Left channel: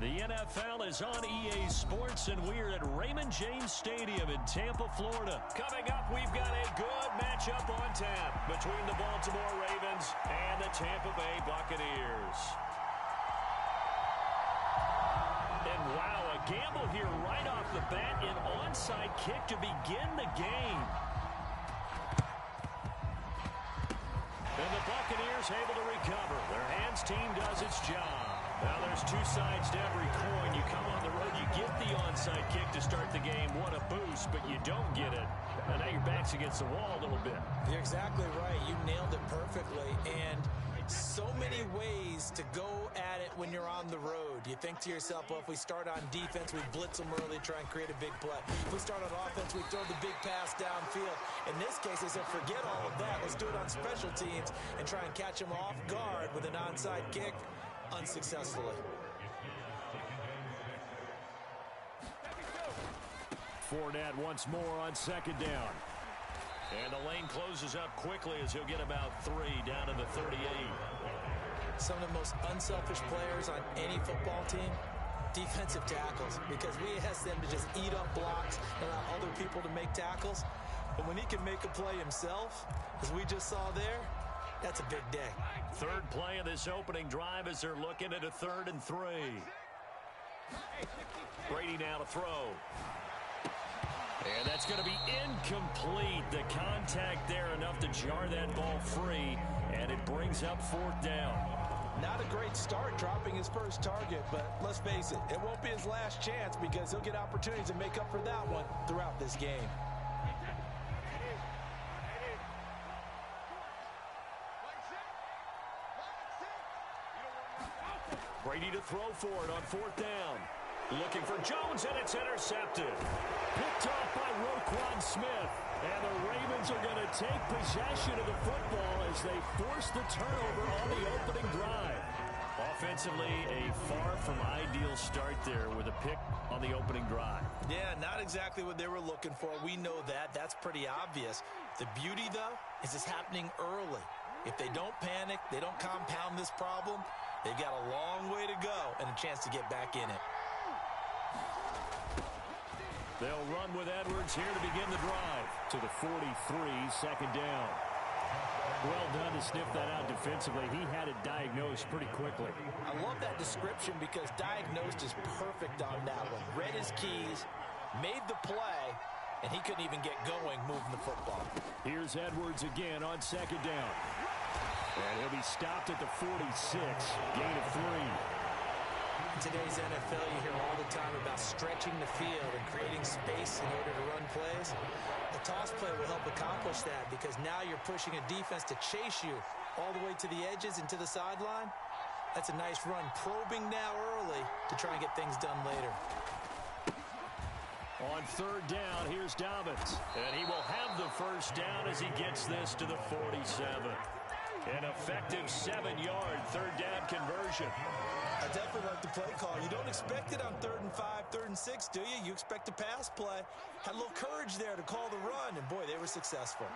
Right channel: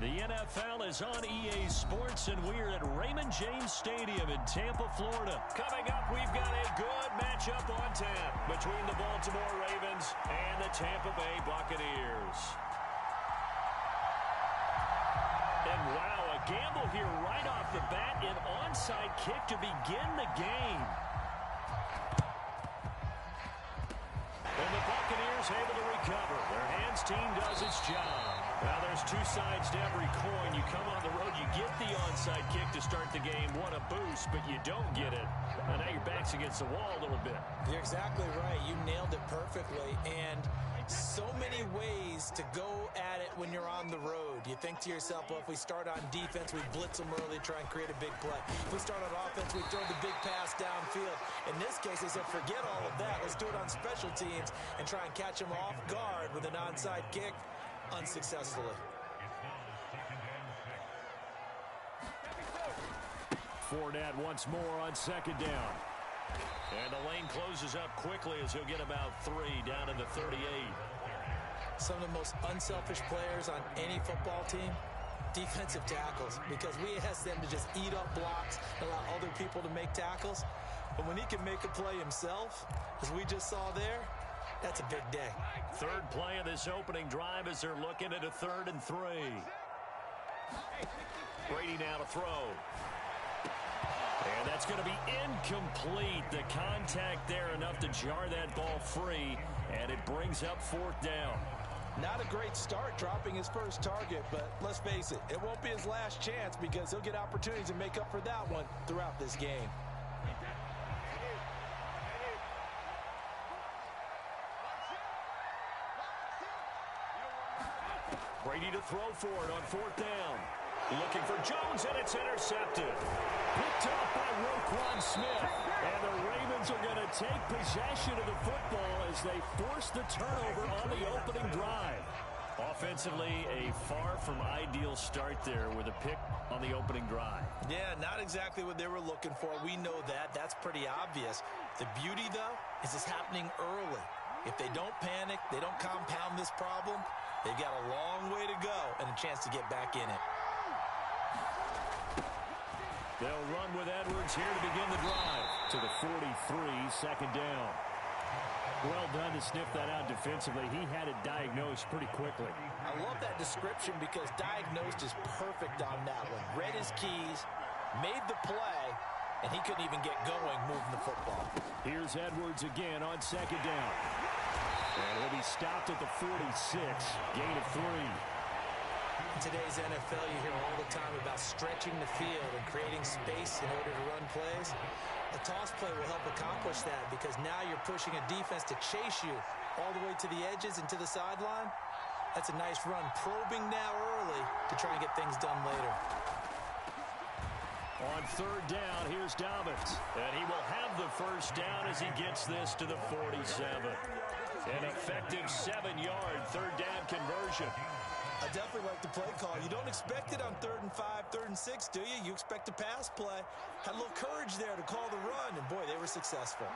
The NFL is on EA Sports, and we're at Raymond James Stadium in Tampa, Florida. Coming up, we've got a good matchup on tap between the Baltimore Ravens and the Tampa Bay Buccaneers. And wow, a gamble here right off the bat, an onside kick to begin the game. And the Buccaneers able to recover. Their hands team does its job. Now there's two sides to every coin. You come on the road, you get the onside kick to start the game. What a boost, but you don't get it. And now your back's against the wall a little bit. You're exactly right. You nailed it perfectly. And so many ways to go at it when you're on the road. You think to yourself, well, if we start on defense, we blitz them early, try and create a big play. If we start on offense, we throw the big pass downfield. In this case, they said, forget all of that. Let's do it on special teams and try and catch them off guard with an onside kick unsuccessfully. Fournette once more on second down. And the lane closes up quickly as he'll get about 3 down to the 38. Some of the most unselfish players on any football team, defensive tackles, because we ask them to just eat up blocks and allow other people to make tackles. But when he can make a play himself, as we just saw there, that's a big day. Third play of this opening drive as they're looking at a 3rd and 3. Brady now to throw. And that's going to be incomplete. The contact there enough to jar that ball free, and it brings up 4th down. Not a great start dropping his first target, but let's face it, it won't be his last chance because he'll get opportunities to make up for that one throughout this game. Brady to throw for it on 4th down. Looking for Jones, and it's intercepted. Picked off by Roquan Smith. And the Ravens are going to take possession of the football as they force the turnover on the opening drive. Offensively, a far from ideal start there with a pick on the opening drive. Yeah, not exactly what they were looking for. We know that. That's pretty obvious. The beauty, though, is it's happening early. If they don't panic, they don't compound this problem, they've got a long way to go and a chance to get back in it. They'll run with Edwards here to begin the drive to the 43, second down. Well done to sniff that out defensively. He had it diagnosed pretty quickly. I love that description because diagnosed is perfect on that one. Read his keys, made the play, and he couldn't even get going moving the football. Here's Edwards again on second down. And he'll be stopped at the 46, gain of 3. In today's NFL, you hear all the time about stretching the field and creating space in order to run plays. The toss play will help accomplish that because now you're pushing a defense to chase you all the way to the edges and to the sideline. That's a nice run, probing now early to try and get things done later. On 3rd down, here's Dobbins. And he will have the first down as he gets this to the 47. An effective 7-yard 3rd down conversion. I definitely like the play call. You don't expect it on 3rd and 5, 3rd and 6, do you? You expect a pass play. Had a little courage there to call the run, and boy, they were successful.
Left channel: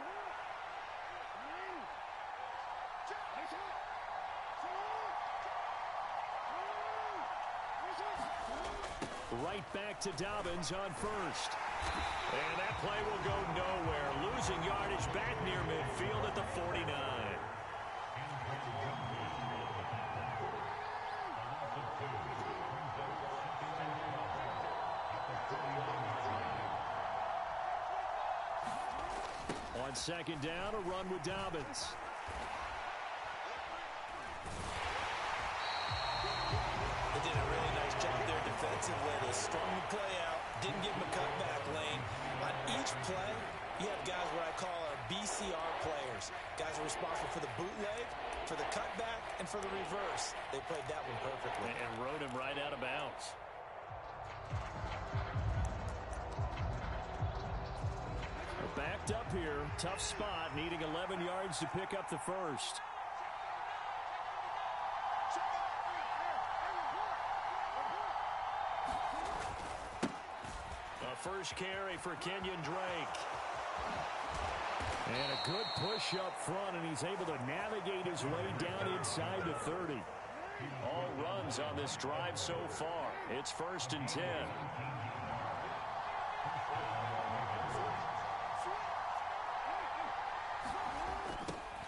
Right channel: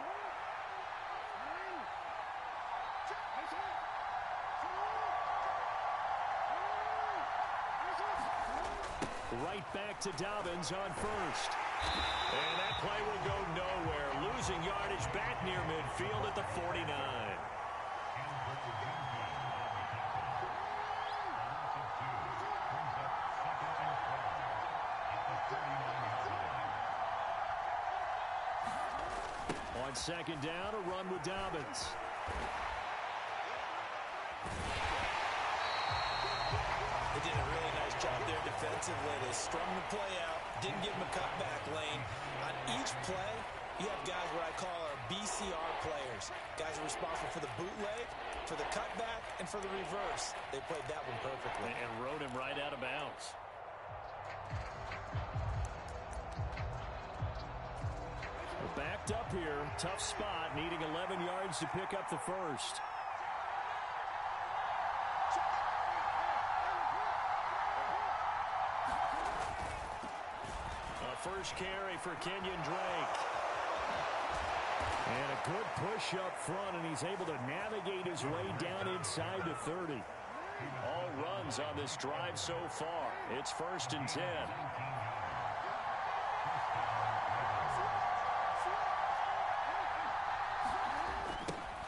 Right back to Dobbins on 1st. And that play will go nowhere. Losing yardage back near midfield at the 49. On 2nd down, a run with Dobbins. They did a really nice job there defensively. They strung the play out, didn't give him a cutback lane. On each play, you have guys what I call our BCR players. Guys are responsible for the bootleg, for the cutback, and for the reverse. They played that one perfectly. And rode him right out of bounds. Backed up here, tough spot, needing 11 yards to pick up the first. A first carry for Kenyon Drake. And a good push up front, and he's able to navigate his way down inside the 30. All runs on this drive so far. It's 1st and 10.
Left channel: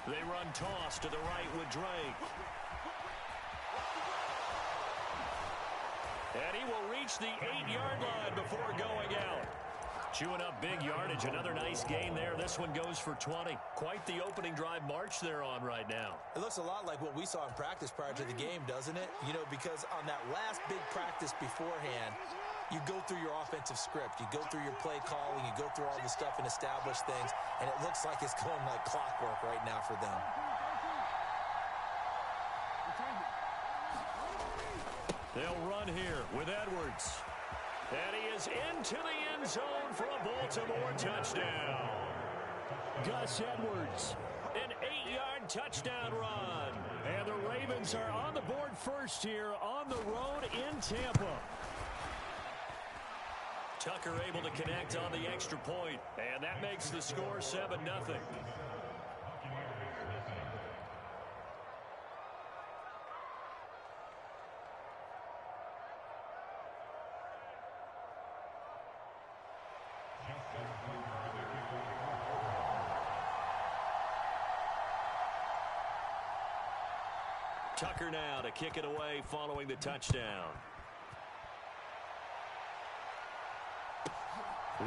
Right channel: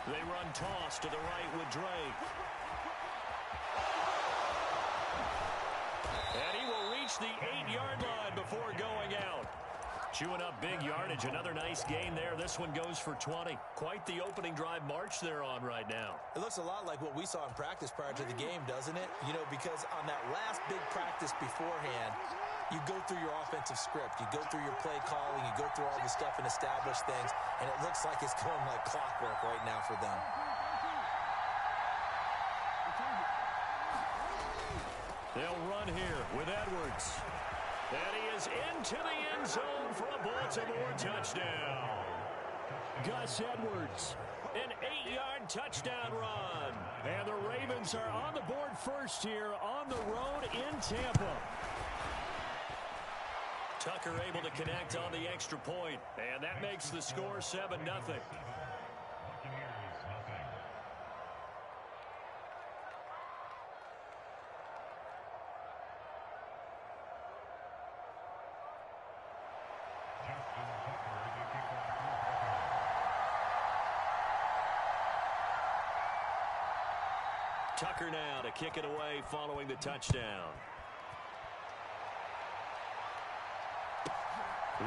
They run toss to the right with Drake. And he will reach the 8-yard line before going out. Chewing up big yardage. Another nice gain there. This one goes for 20. Quite the opening drive march they're on right now. It looks a lot like what we saw in practice prior to the game, doesn't it? You know, because on that last big practice beforehand, you go through your offensive script. You go through your play calling. You go through all the stuff and establish things. And it looks like it's going like clockwork right now for them. They'll run here with Edwards. And he is into the end zone for a Baltimore touchdown. Gus Edwards, an 8-yard touchdown run. And the Ravens are on the board first here on the road in Tampa. Tucker able to connect on the extra point, and that makes the score 7-0. Tucker now to kick it away following the touchdown.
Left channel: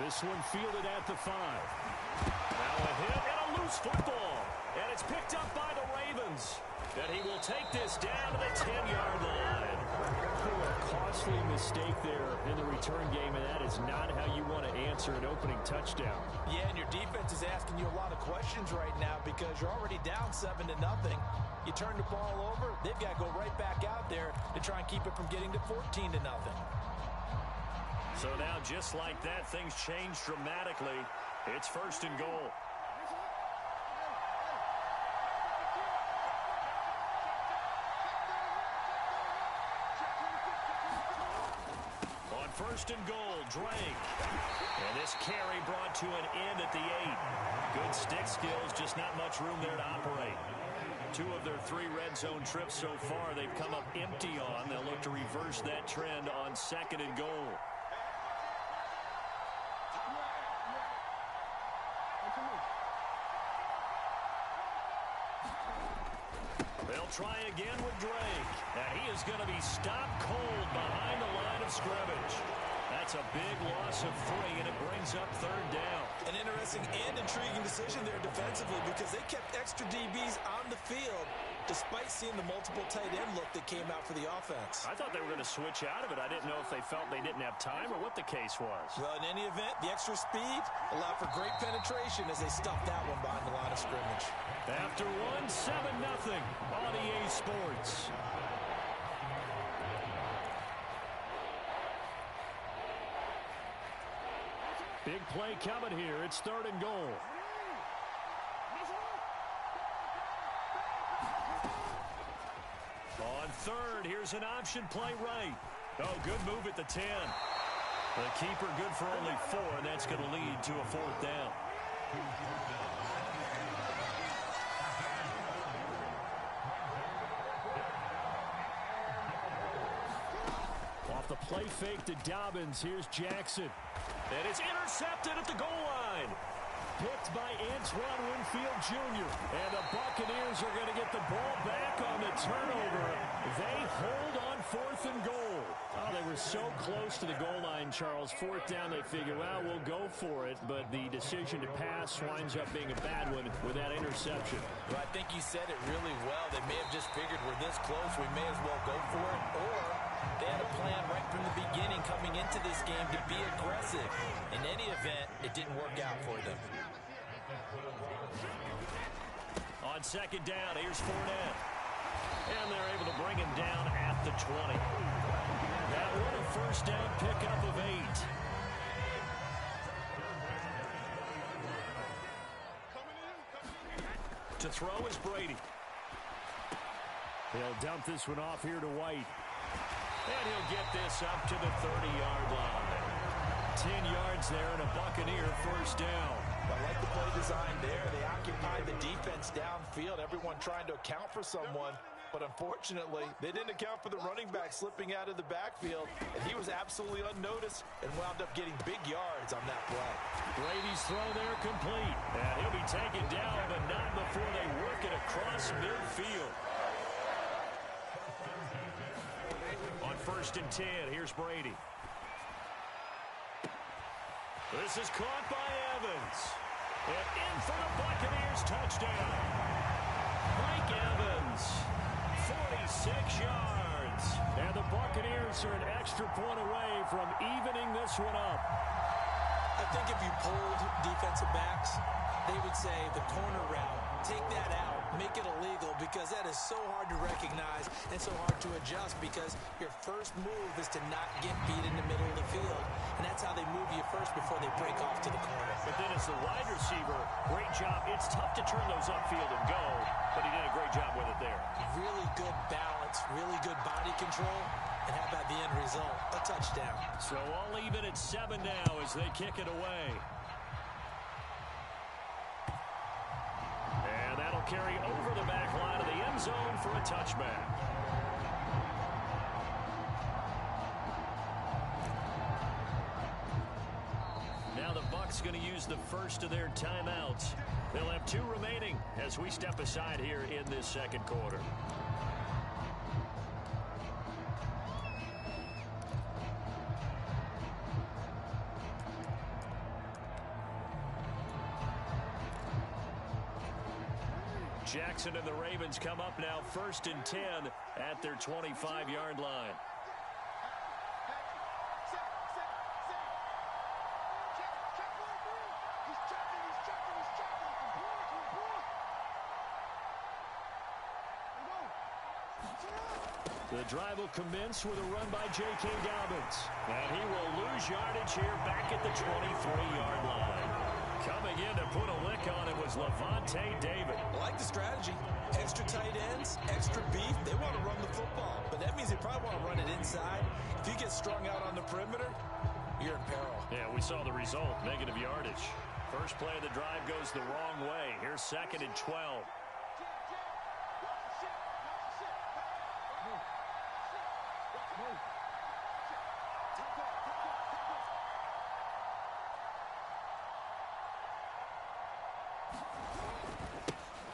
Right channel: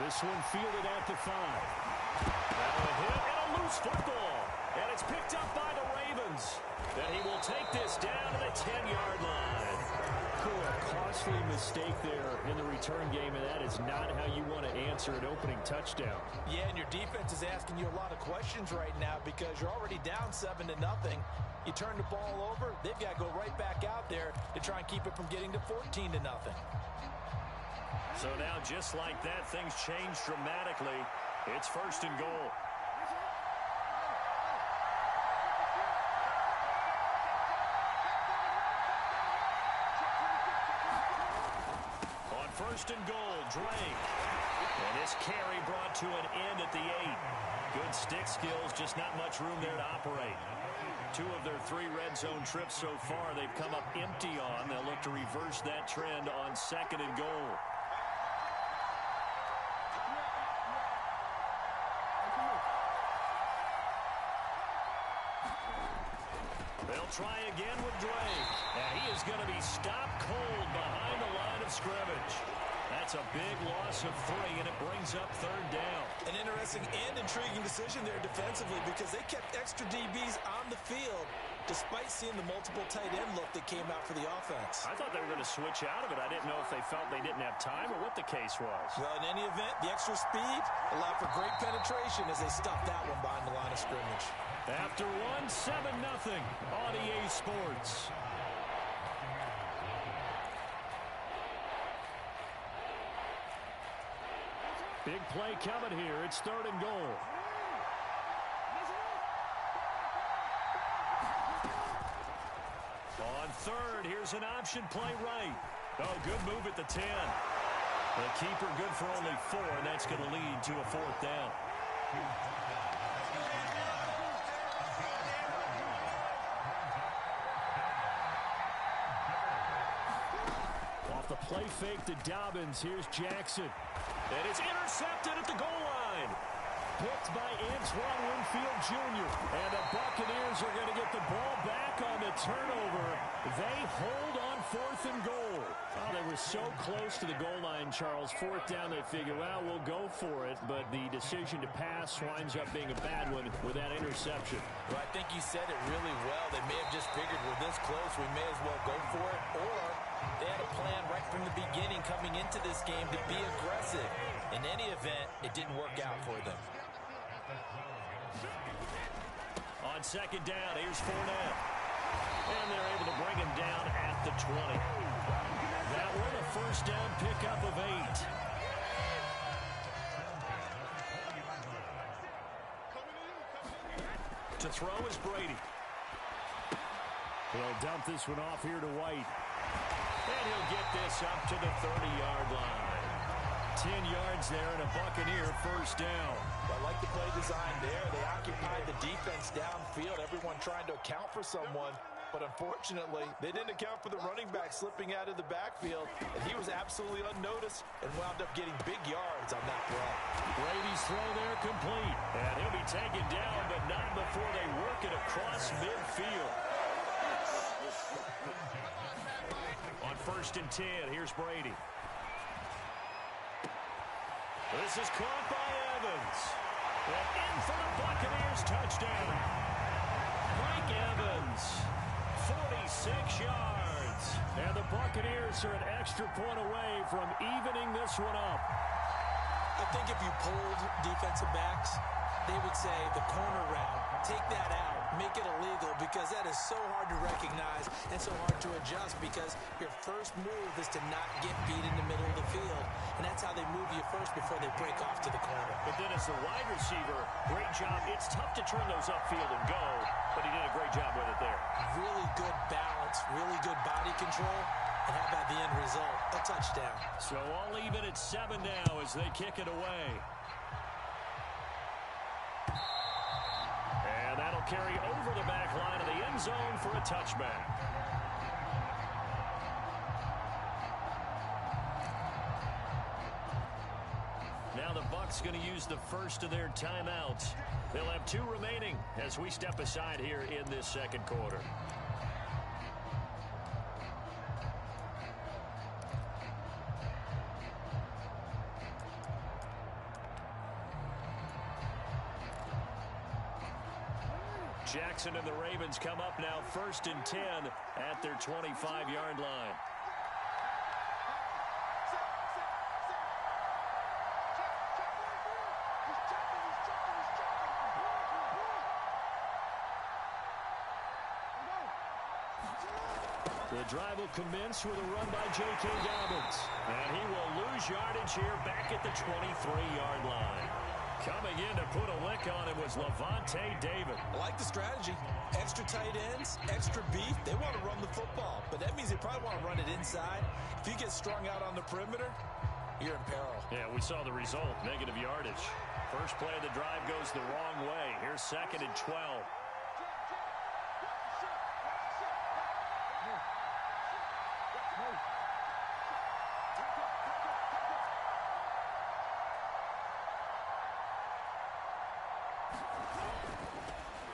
This one fielded at the 5. Now a hit and a loose football. And it's picked up by the Ravens. And he will take this down to the 10-yard line. A costly mistake there in the return game, and that is not how you want to answer an opening touchdown. Yeah, and your defense is asking you a lot of questions right now because you're already down 7-0. You turn the ball over, they've got to go right back out there to try and keep it from getting to 14-0. So now, just like that, things change dramatically. It's 1st and goal. On 1st and goal, Drake. And this carry brought to an end at the 8. Good stick skills, just not much room there to operate. 2 of their 3 red zone trips so far, they've come up empty on. They'll look to reverse that trend on 2nd and goal. They'll try again with Drake. And he is going to be stopped cold behind the line of scrimmage. That's a big loss of 3, and it brings up 3rd down. An interesting and intriguing decision there defensively because they kept extra DBs on the field despite seeing the multiple tight end look that came out for the offense. I thought they were going to switch out of it. I didn't know if they felt they didn't have time or what the case was. Well, in any event, the extra speed allowed for great penetration as they stuffed that one behind the line of scrimmage. After 7-0 on EA Sports. Big play coming here. It's 3rd and goal. On 3rd, here's an option play right. Oh, good move at the 10. The keeper good for only 4, and that's going to lead to a 4th down. Off the play fake to Dobbins. Here's Jackson. And it's intercepted at the goal line. Picked by Antoine Winfield Jr. And the Buccaneers are going to get the ball back on the turnover. They hold on 4th and goal. Oh, they were so close to the goal line, Charles. 4th down, they figure, well, we'll go for it. But the decision to pass winds up being a bad one with that interception. Well, I think you said it really well. They may have just figured we're this close, we may as well go for it. Or they had a plan right from the beginning coming into this game to be aggressive. In any event, it didn't work out for them. On 2nd down, here's Fournette. And they're able to bring him down at the 20. That one a 1st down pickup of 8. To throw is Brady. He'll dump this one off here to White. And he'll get this up to the 30-yard line. 10 yards there and a Buccaneer 1st down. I like the play design there. They occupied the defense downfield. Everyone trying to account for someone. But unfortunately, they didn't account for the running back slipping out of the backfield, and he was absolutely unnoticed and wound up getting big yards on that play. Brady's throw there complete, and he'll be taken down, but not before they work it across midfield. On 1st and 10, here's Brady. This is caught by Evans. And in for the Buccaneers touchdown. Mike Evans, 46 yards. And the Buccaneers are an extra point away from evening this one up. I think if you polled defensive backs, they would say the corner route, take that out, make it illegal, because that is so hard to recognize and so hard to adjust, because your first move is to not get beat in the middle of the field, and that's how they move you first before they break off to the corner. But then as the wide receiver, great job. It's tough to turn those upfield and go, but he did a great job with it there. Really good balance, really good body control, and how about the end result? A touchdown. So all even at 7 now as they kick it away. And that'll carry over the back line of the end zone for a touchback. Now the Bucs going to use the first of their timeouts. They'll have 2 remaining as we step aside here in this second quarter. Jackson and the Ravens come up now 1st and 10 at their 25-yard line. The drive will commence with a run by J.K. Dobbins. And he will lose yardage here back at the 23-yard line. Coming in to put a lick on it was Lavonte David. I like the strategy. Extra tight ends, extra beef. They want to run the football, but that means they probably want to run it inside. If you get strung out on the perimeter, you're in peril. Yeah, we saw the result, negative yardage. First play of the drive goes the wrong way. Here's 2nd and 12.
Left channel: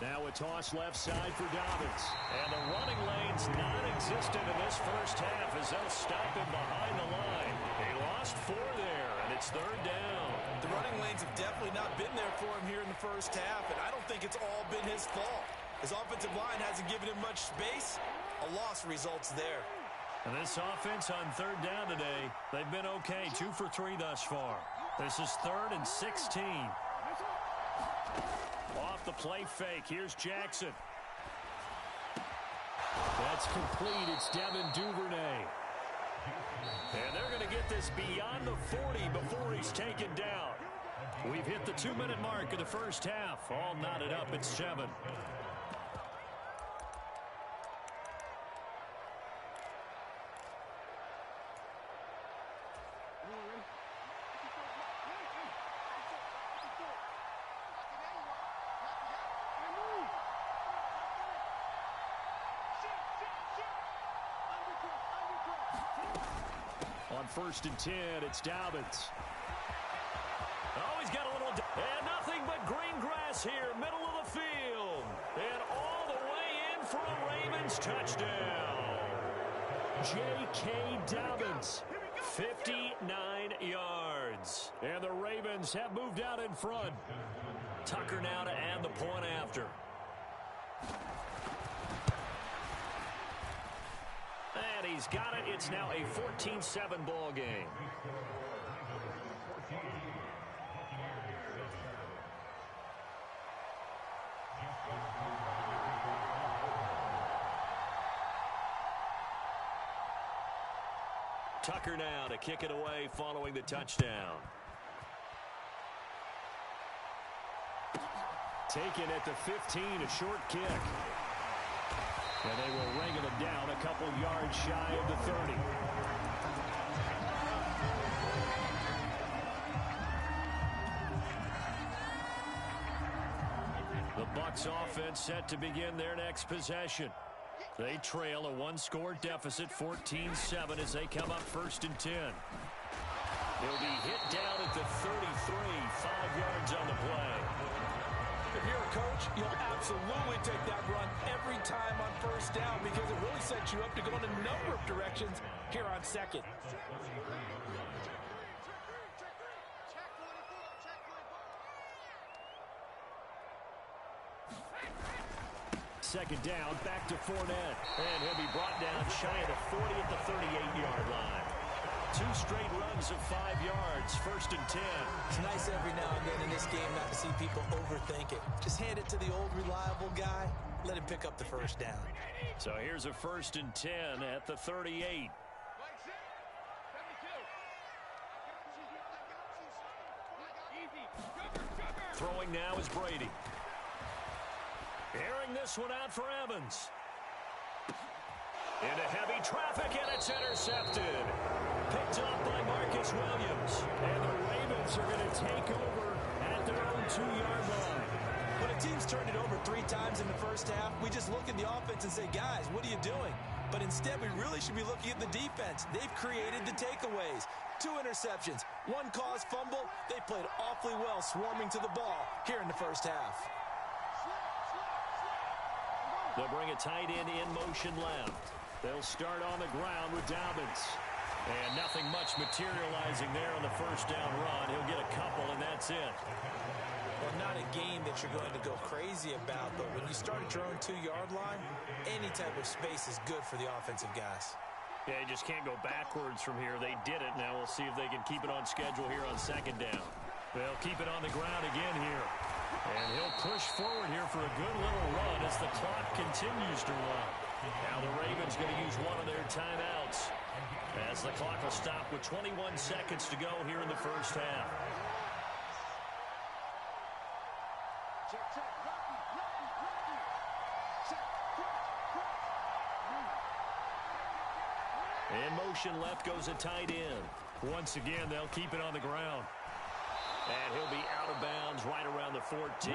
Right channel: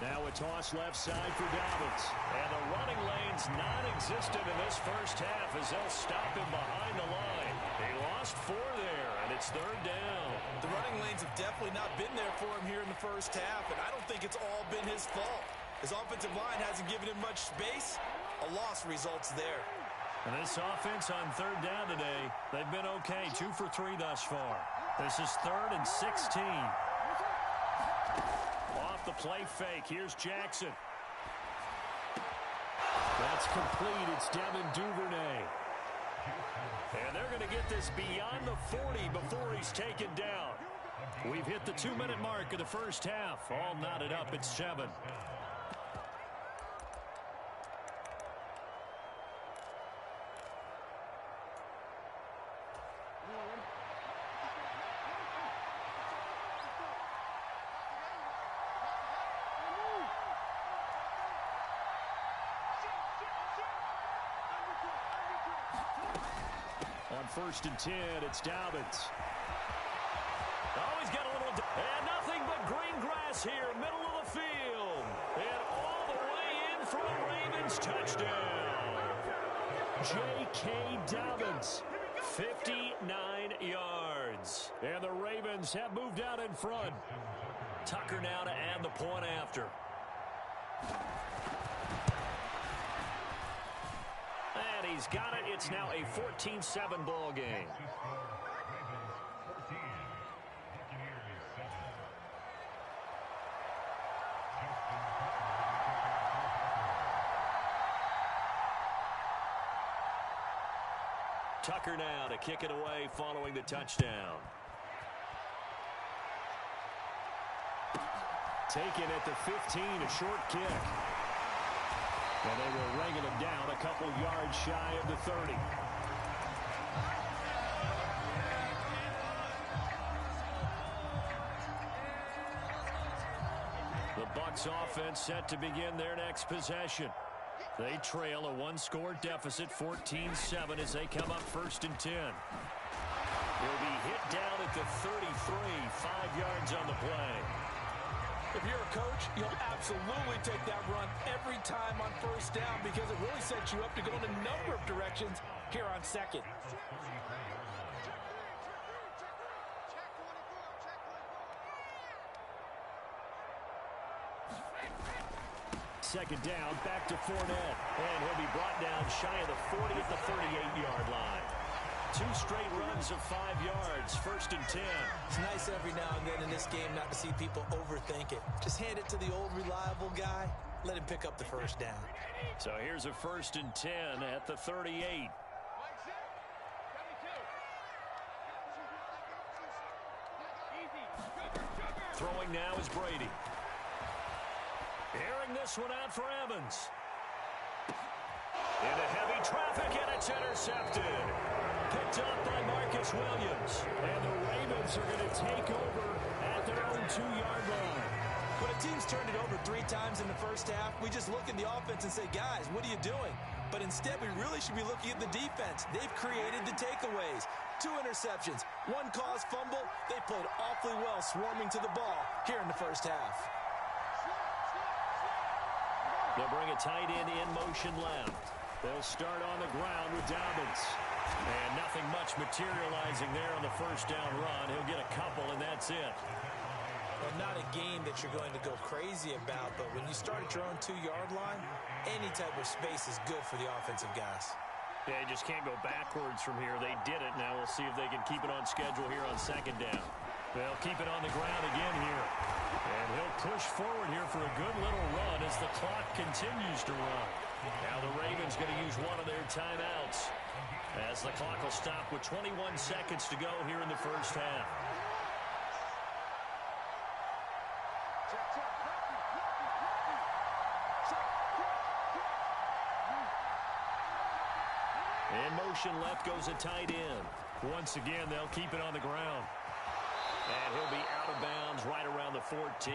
Now a toss left side for Dobbins. And the running lane's non-existent in this first half as they'll stop him behind the line. He lost 4 there, and it's 3rd down. The running lanes have definitely not been there for him here in the first half, and I don't think it's all been his fault. His offensive line hasn't given him much space. A loss results there. And this offense on 3rd down today, they've been okay, 2 for 3 thus far. This is 3rd and 16. Off the play fake. Here's Jackson. That's complete. It's Devin Duvernay. And they're going to get this beyond the 40 before he's taken down. We've hit the 2-minute mark of the first half. All knotted up at 7. On 1st and 10, it's Dobbins. Oh, he's got a little... And nothing but green grass here, middle of the field. And all the way in for a Ravens touchdown. J.K. Dobbins, 59 yards. And the Ravens have moved out in front. Tucker now to add the point after. And he's got it. It's now a 14-7 ball game. Tucker now to kick it away following the touchdown. Taken at the 15, a short kick. And they will wrangle him down a couple yards shy of the 30. The Bucs offense set to begin their next possession. They trail a one-score deficit, 14-7, as they come up 1st and 10. He'll be hit down at the 33, 5 yards on the play. If you're a coach, you'll absolutely take that run every time on 1st down because it really sets you up to go in a number of directions here on 2nd. Second down, back to Fournette. And he'll be brought down shy of the 40 at the 38-yard line. 2 straight runs of 5 yards, 1st and 10. It's nice every now and then in this game not to see people overthink it. Just hand it to the old reliable guy. Let him pick up the 1st down. So here's a 1st and 10 at the 38. Throwing now is Brady. Airing this one out for Evans. Into heavy traffic, and it's intercepted. Picked up by Marcus Williams. And the Ravens are going to take over at their own 2-yard line. When a team's turned it over 3 times in the 1st half, we just look at the offense and say, guys, what are you doing? But instead, we really should be looking at the defense. They've created the takeaways. 2 interceptions, 1 caused fumble. They played awfully well swarming to the ball here in the 1st half. They'll bring a tight end in motion left. They'll start on the ground with Dobbins. And nothing much materializing there on the 1st down run. He'll get a couple, and that's it. Well, not a game that you're going to go crazy about, but when you start at your own 2-yard line, any type of space is good for the offensive guys. Yeah, you just can't go backwards from here. They did it. Now we'll see if they can keep it on schedule here on 2nd down. They'll keep it on the ground again here. And he'll push forward here for a good little run as the clock continues to run. Now the Ravens going to use one of their timeouts as the clock will stop with 21 seconds to go here in the 1st half. In motion left goes a tight end. Once again, they'll keep it on the ground. And he'll be out of bounds right around the 14.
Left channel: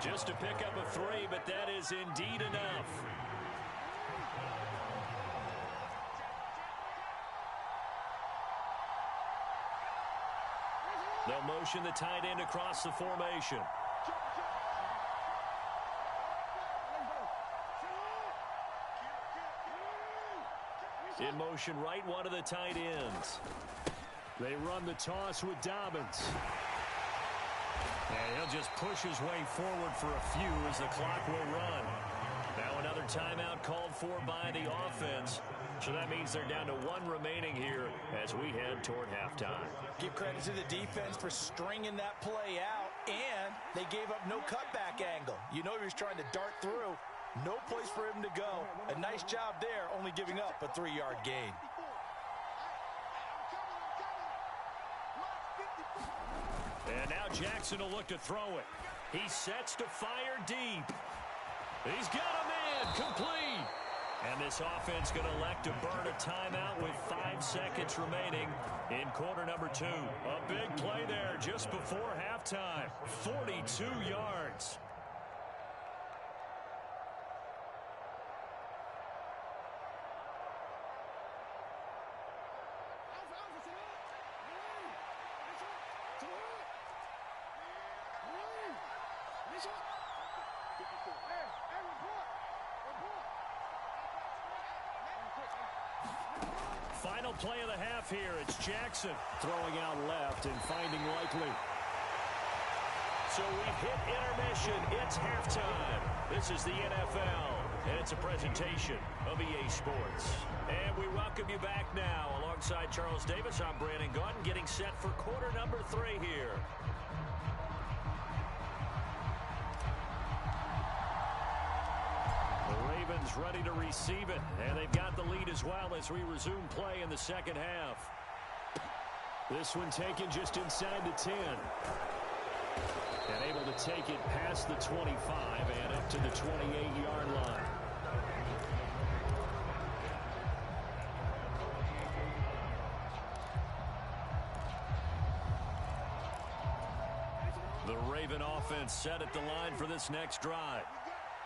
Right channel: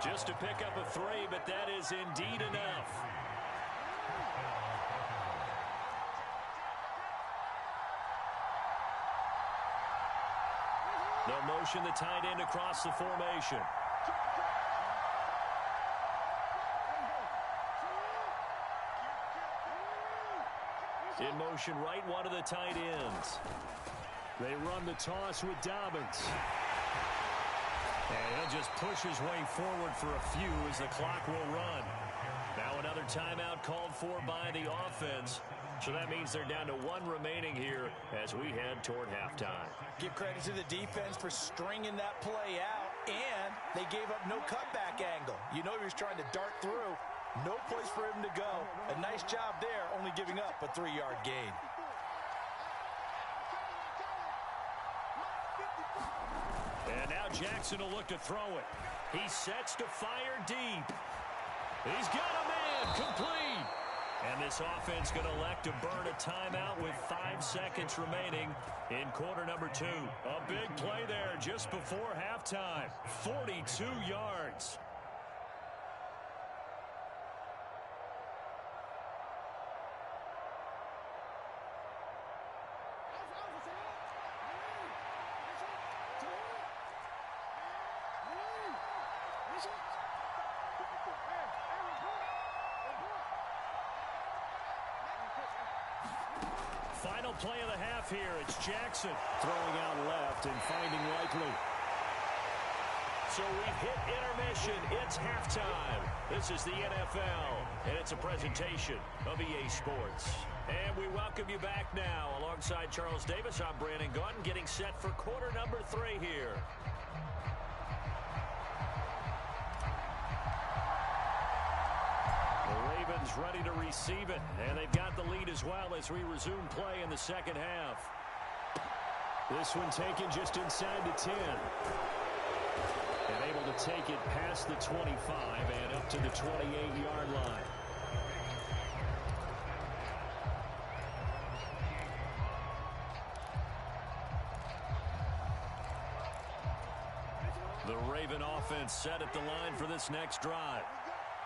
Just to pick up a 3, but that is indeed enough. They'll motion the tight end across the formation. In motion right, one of the tight ends. They run the toss with Dobbins. And he'll just push his way forward for a few as the clock will run. Now another timeout called for by the offense. So that means they're down to 1 remaining here as we head toward halftime. Give credit to the defense for stringing that play out, and they gave up no cutback angle. You know he was trying to dart through. No place for him to go. A nice job there, only giving up a 3-yard gain. And now Jackson will look to throw it. He sets to fire deep. He's got a man, complete. And this offense going to elect to burn a timeout with 5 seconds remaining in quarter number 2. A big play there just before halftime. 42 yards. Final play of the half here. It's Jackson throwing out left and finding Likely. So we've hit intermission. It's halftime. This is the NFL, and it's a presentation of EA Sports. And we welcome you back now. Alongside Charles Davis, I'm Brandon Gaudin, getting set for quarter number 3 here. The Ravens ready to receive it, and they've got the lead as well as we resume play in the second half. This one taken just inside the 10. And able to take it past the 25 and up to the 28-yard line. The Raven offense set at the line for this next drive.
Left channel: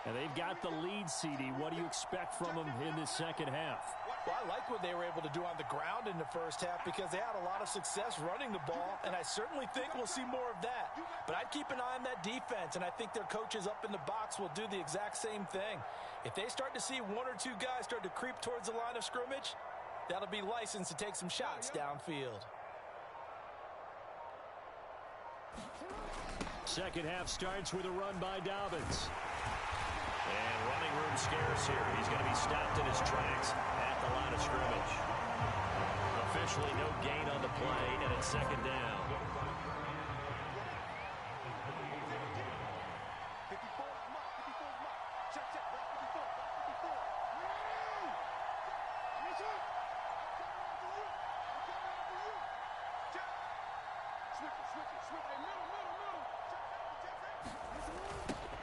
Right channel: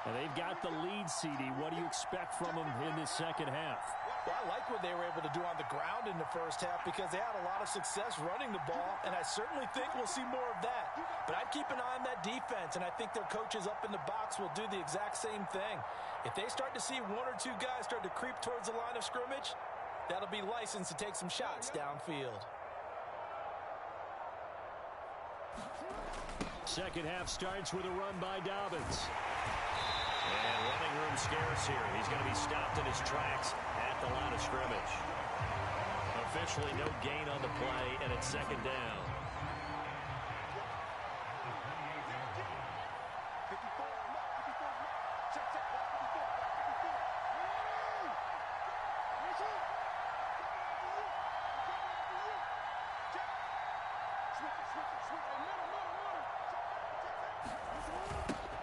And they've got the lead, CD. What do you expect from them in this second half? Well, I like what they were able to do on the ground in the first half because they had a lot of success running the ball, and I certainly think we'll see more of that. But I'd keep an eye on that defense, and I think their coaches up in the box will do the exact same thing. If they start to see one or two guys start to creep towards the line of scrimmage, that'll be licensed to take some shots downfield. Second half starts with a run by Dobbins. And running room scarce here. He's going to be stopped in his tracks at the line of scrimmage. Officially no gain on the play, and it's second down.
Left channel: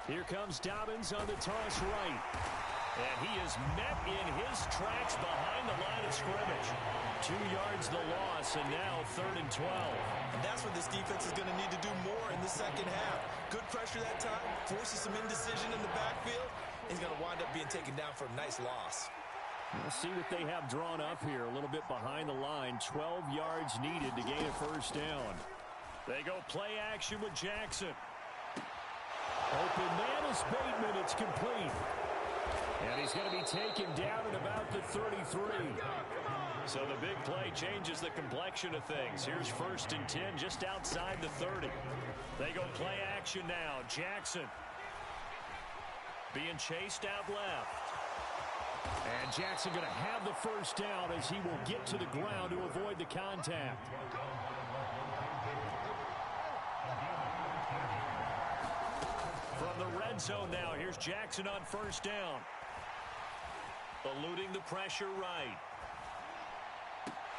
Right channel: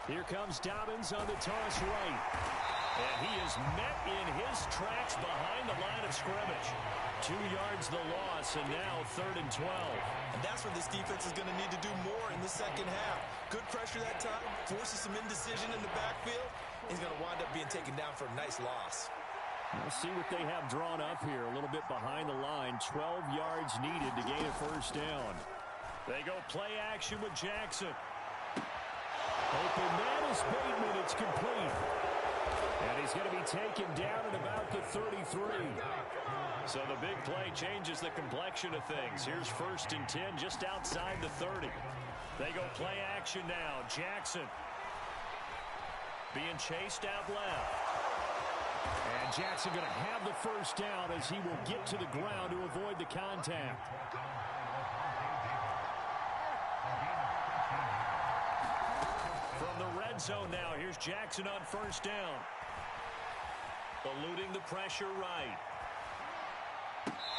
Here comes Dobbins on the toss right. And he is met in his tracks behind the line of scrimmage. 2 yards the loss, and now 3rd and 12. And that's what this defense is going to need to do more in the second half. Good pressure that time, forces some indecision in the backfield. He's going to wind up being taken down for a nice loss. We'll see what they have drawn up here. A little bit behind the line. 12 yards needed to gain a first down. They go play action with Jackson. Open man is Bateman. It's complete. And he's going to be taken down at about the 33. So the big play changes the complexion of things. Here's 1st and 10 just outside the 30. They go play action now. Jackson being chased out left. And Jackson going to have the first down as he will get to the ground to avoid the contact. From the red zone now, here's Jackson on first down. Eluding the pressure right.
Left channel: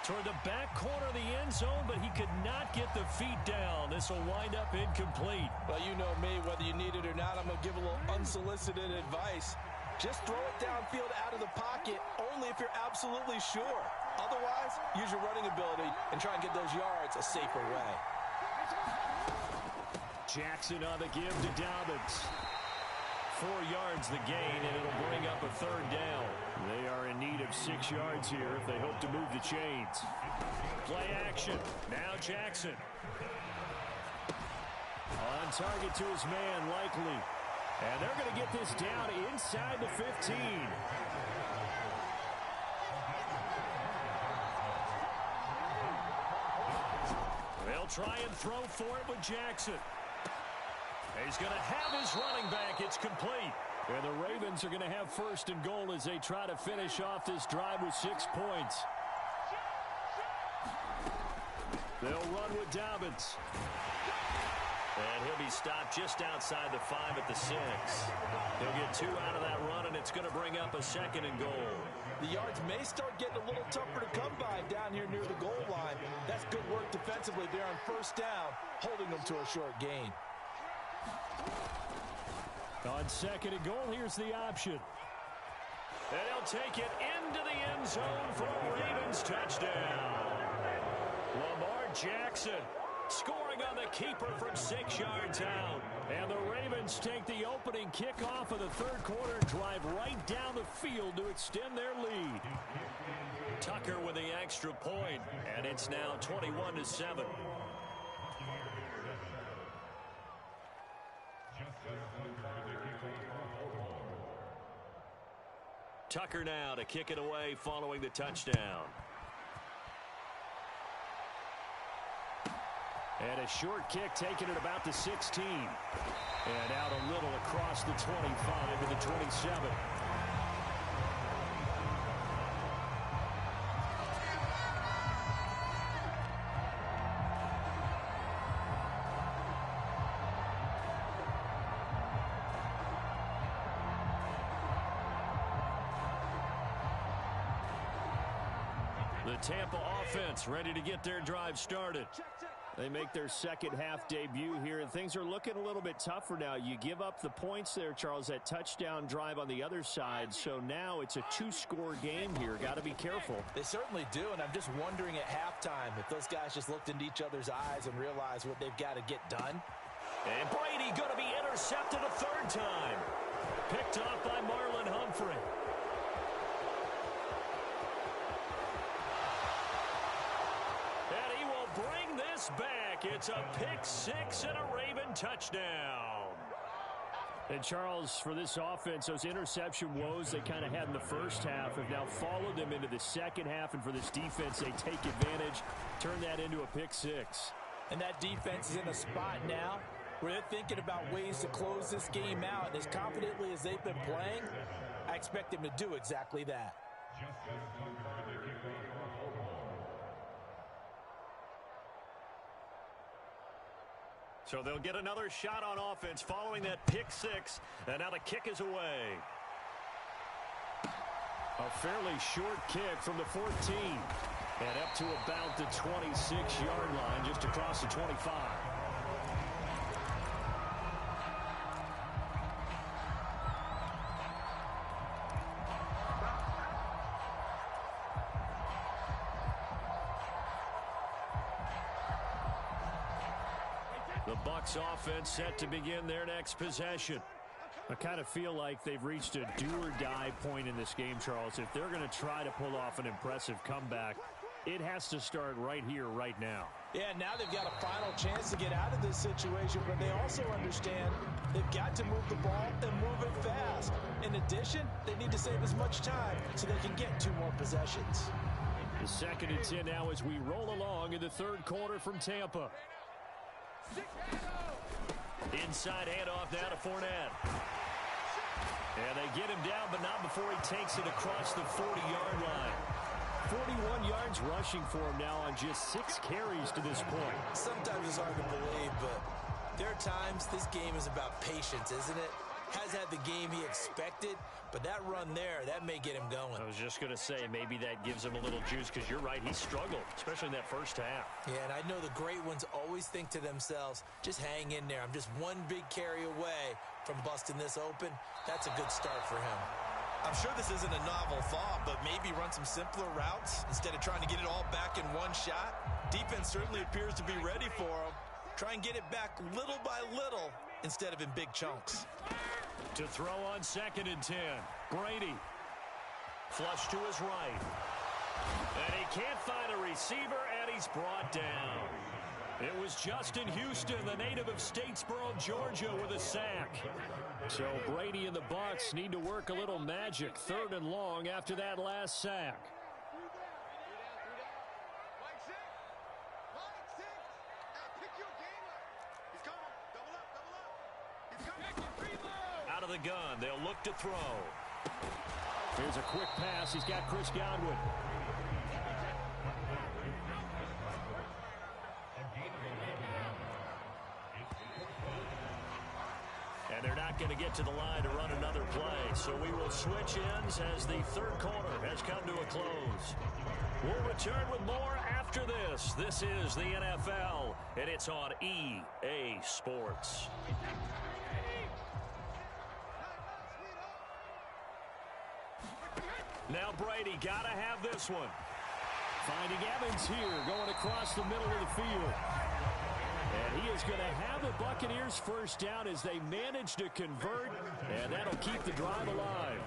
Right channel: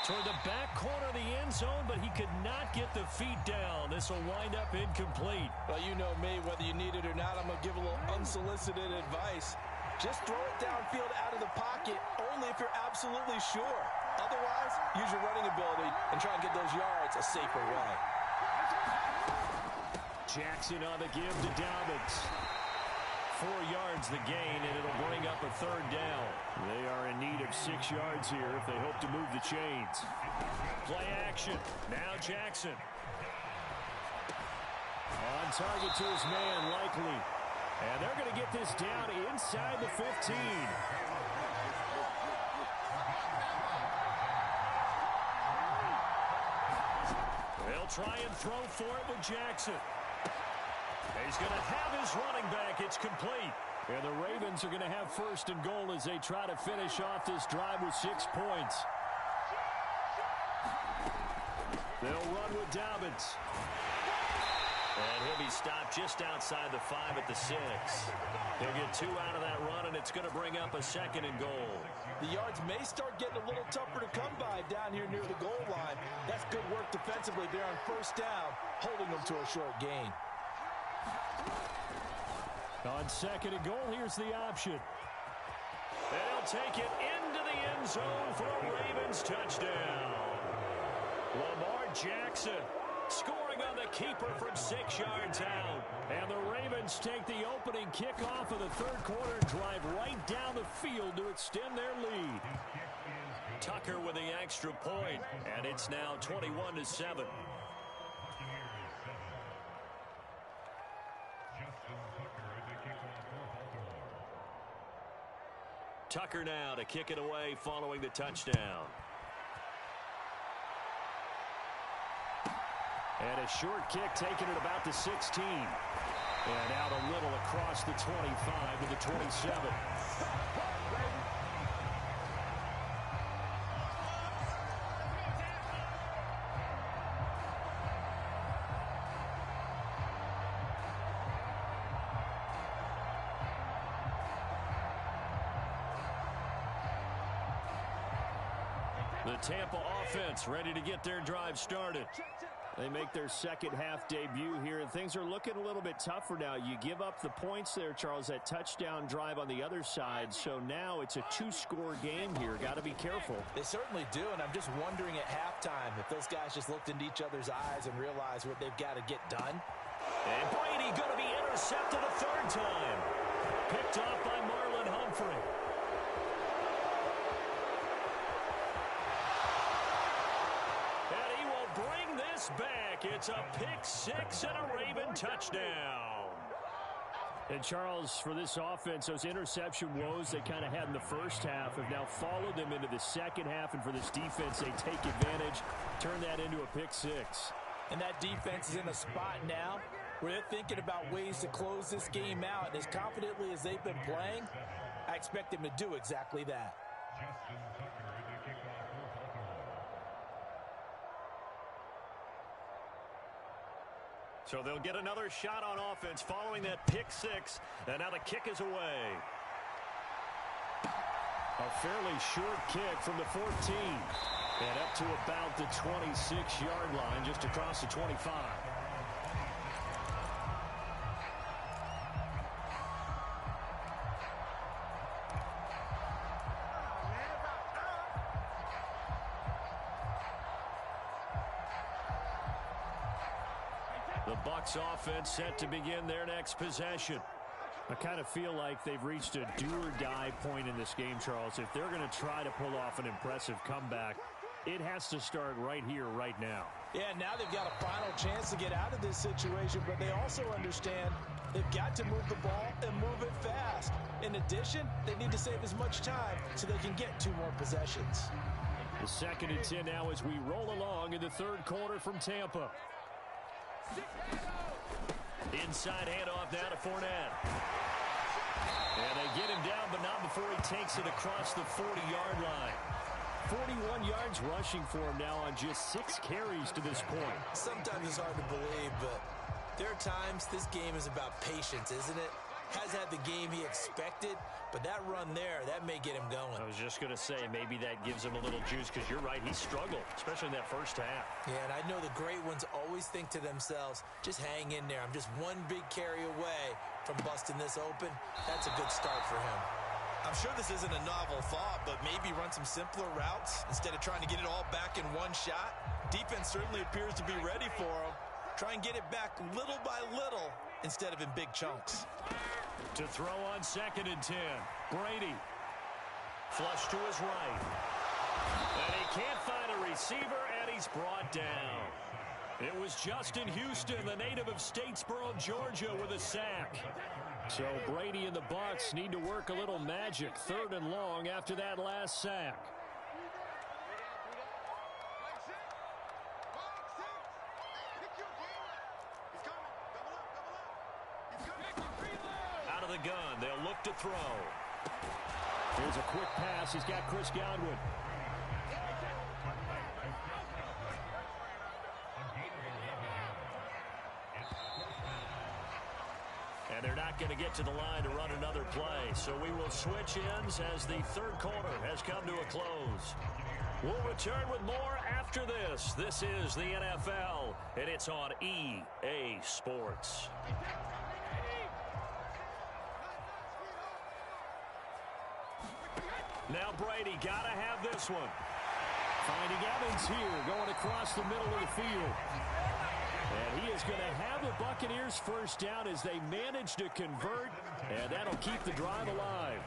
Toward the back corner of the end zone, but he could not get the feet down. This will wind up incomplete. Well, you know me, whether you need it or not, I'm going to give a little unsolicited advice. Just throw it downfield out of the pocket, only if you're absolutely sure. Otherwise, use your running ability and try and get those yards a safer way. Jackson on the give to Dobbins. 4 yards the gain, and it'll bring up a 3rd down. They are in need of 6 yards here if they hope to move the chains. Play action. Now Jackson. On target to his man, Likely. And they're going to get this down inside the 15. They'll try and throw for it with Jackson. He's going to have his running back. It's complete. And the Ravens are going to have 1st and goal as they try to finish off this drive with 6 points. They'll run with Dobbins. And he'll be stopped just outside the 5 at the 6. He'll get 2 out of that run, and it's going to bring up a 2nd and goal. The yards may start getting a little tougher to come by down here near the goal line. That's good work defensively there on first down, holding them to a short gain. On 2nd and goal, here's the option. And he'll take it into the end zone for a Ravens touchdown. Lamar Jackson scoring on the keeper from 6 yards out. And the Ravens take the opening kickoff of the 3rd quarter and drive right down the field to extend their lead. Tucker with the extra point, and it's now 21-7. Tucker now to kick it away following the touchdown. And a short kick taken at about the 16. And out a little across the 25 to the 27. The Tampa offense ready to get their drive started. They make their second half debut here, and things are looking a little bit tougher now. You give up the points there, Charles, that touchdown drive on the other side. So now it's a 2-score game here. Got to be careful. They certainly do, and I'm just wondering at halftime if those guys just looked into each other's eyes and realized what they've got to get done. And Brady going to be intercepted a 3rd time. picked off by Marlon Humphrey. And he will bring this back. It's a pick six and a Raven touchdown. And, Charles, for this offense, those interception woes they kind of had in the first half have now followed them into the second half. And for this defense, they take advantage, turn that into a pick six. And that defense is in a spot now where they're thinking about ways to close this game out. And as confidently as they've been playing, I expect them to do exactly that. So they'll get another shot on offense following that pick six. And now the kick is away. A fairly short kick from the 14. And up to about the 26-yard line, just across the 25. The Bucs offense set to begin their next possession. I kind of feel like they've reached a do-or-die point in this game, Charles. If they're going to try to pull off an impressive comeback, it has to start right here, right now. Yeah, now they've got a final chance to get out of this situation, but they also understand they've got to move the ball and move it fast. In addition, they need to save as much time so they can get 2 more possessions. The 2nd and 10 now as we roll along in the third quarter from Tampa. Inside handoff now to Fournette. And they get him down, but not before he takes it across the 40-yard line. 41 yards rushing for him now on just 6 carries to this point. Sometimes it's hard to believe, but there are times this game is about patience, isn't it? Has had the game he expected, but that run there, that may get him going. I was just going to say, maybe that gives him a little juice, because you're right, he struggled, especially in that first half. Yeah, and I know the great ones always think to themselves, just hang in there. I'm just one big carry away from busting this open. That's a good start for him. I'm sure this isn't a novel thought, but maybe run some simpler routes instead of trying to get it all back in one shot. Defense certainly appears to be ready for him. Try and get it back little by little instead of in big chunks. To throw on 2nd and 10, Brady. Flush to his right. And he can't find a receiver, and he's brought down. It was Justin Houston, the native of Statesboro, Georgia, with a sack. So Brady and the Bucs need to work a little magic, 3rd and long after that last sack. Out of the gun, they'll look to throw. Here's a quick pass. He's got Chris Godwin. And they're not going to get to the line to run another play. So we will switch ends as the third quarter has come to a close. We'll return with more after this. This is the NFL, and it's on EA Sports. Now Brady got to have this one. Finding Evans here, going across the middle of the field. And he is going to have the Buccaneers first down as they manage to convert, and that'll keep the drive alive.